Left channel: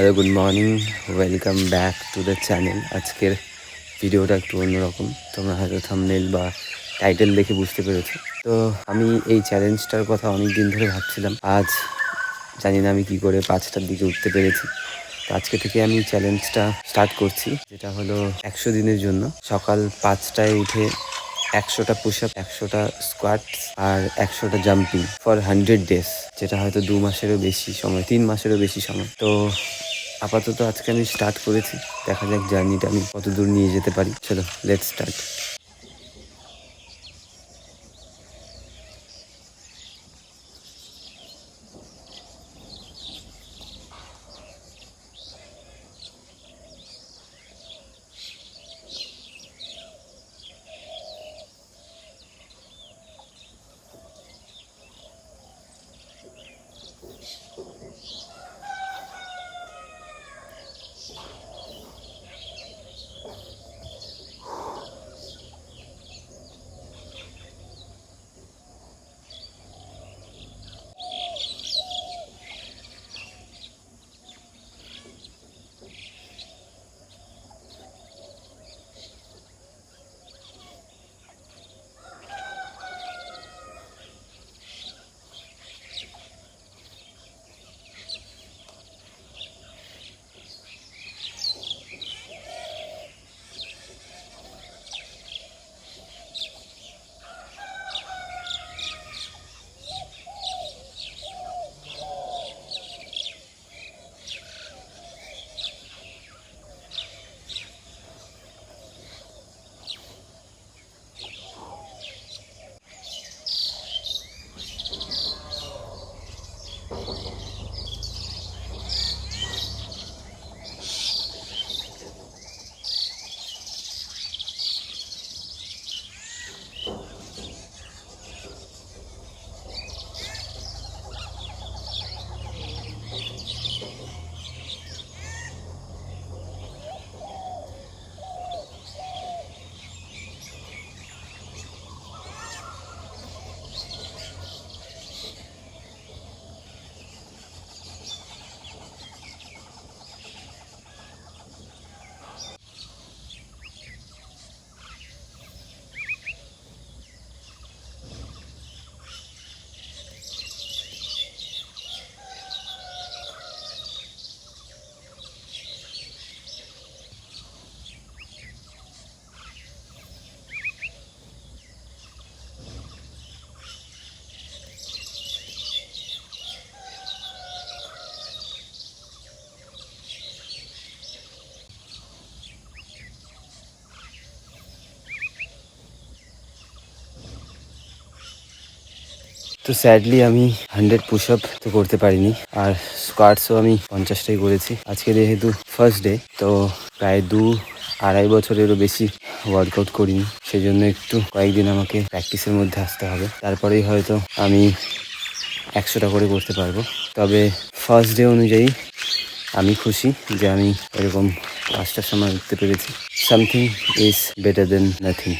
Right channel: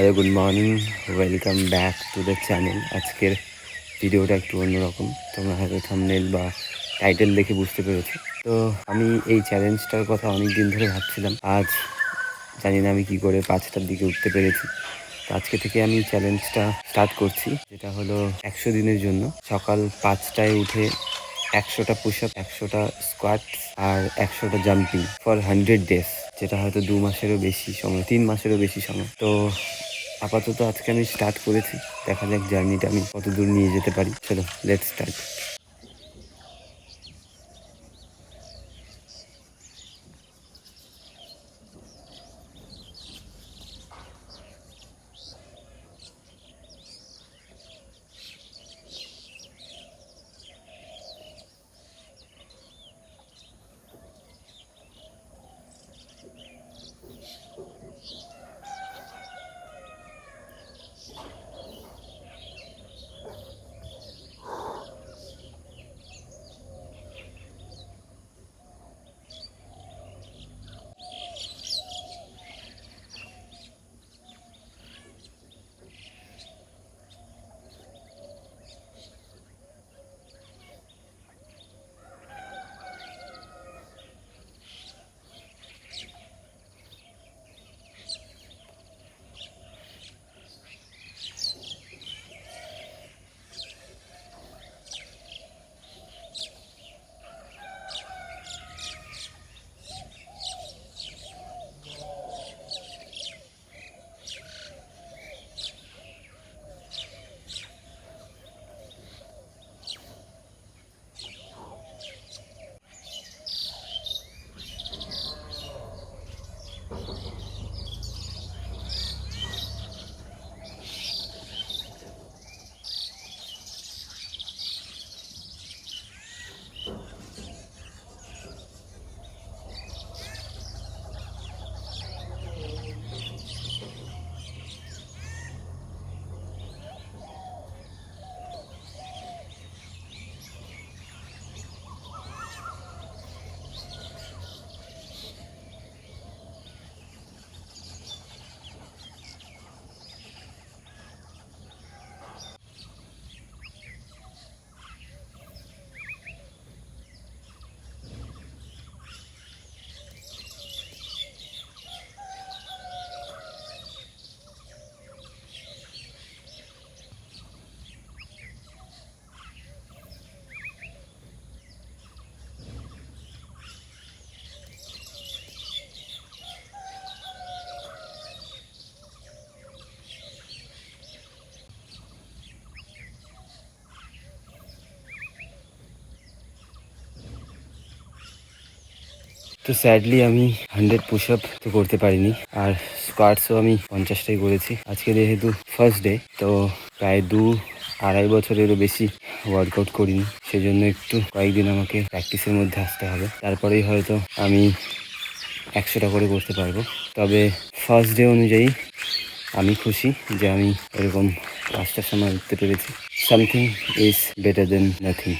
Hello, good morning, welcome back to the channel. আজকের ভিডিওটা একটু অন্যরকম, তোমরা হয়তো থাম্বনেল বা টাইটেল দেখে বুঝতে পেরেছো। তো আমি এই চ্যালেঞ্জটার কথা অনেক দিন ধরে ভাবছিলাম। আজ জানি না আমি কি করে 5টার দিকে উঠতে পেরেছি। তো আজকে থেকে আমি চ্যালেঞ্জটা স্টার্ট করছি, যেটা হলো 100 দিনের জন্য। সকাল 5টায় উঠে 100টা পুশ আপ, 100টা স্কোয়াট আর 100টা জাম্পিং ফর 100 ডেজ, যেটা হয়তো 2 মাসেরও বেশি সময়, 3 মাসেরও বেশি সময়। তো আপাতত আজকে আমি স্টার্ট করেছি, দেখা যাক জার্নিটা আমি কত দূর নিয়ে যেতে পারি। চলো, লেটস স্টার্ট। তো স্যাডলি আমি 100 পুশ আপ তো করতে পারিনি, আর স্কোয়াটসও আমি 50টাই করেছি। আজকে যেহেতু ফার্স্ট ডে, তো প্রায় 2-2.5 বছরেরও বেশি ওয়ার্কআউট করিনি, সেই জন্য একটু কয়েকদিন আমাকে প্র্যাকটিসের মধ্যে আসতে হবে। তারপরেই হয়তো আমি 100টা করে করতে পারবো। তবে ফার্স্ট ডে অনুযায়ী আমি খুশি যে আমি এরকম 5টার সময় উঠতে পেরেছি। Something is better then nothing.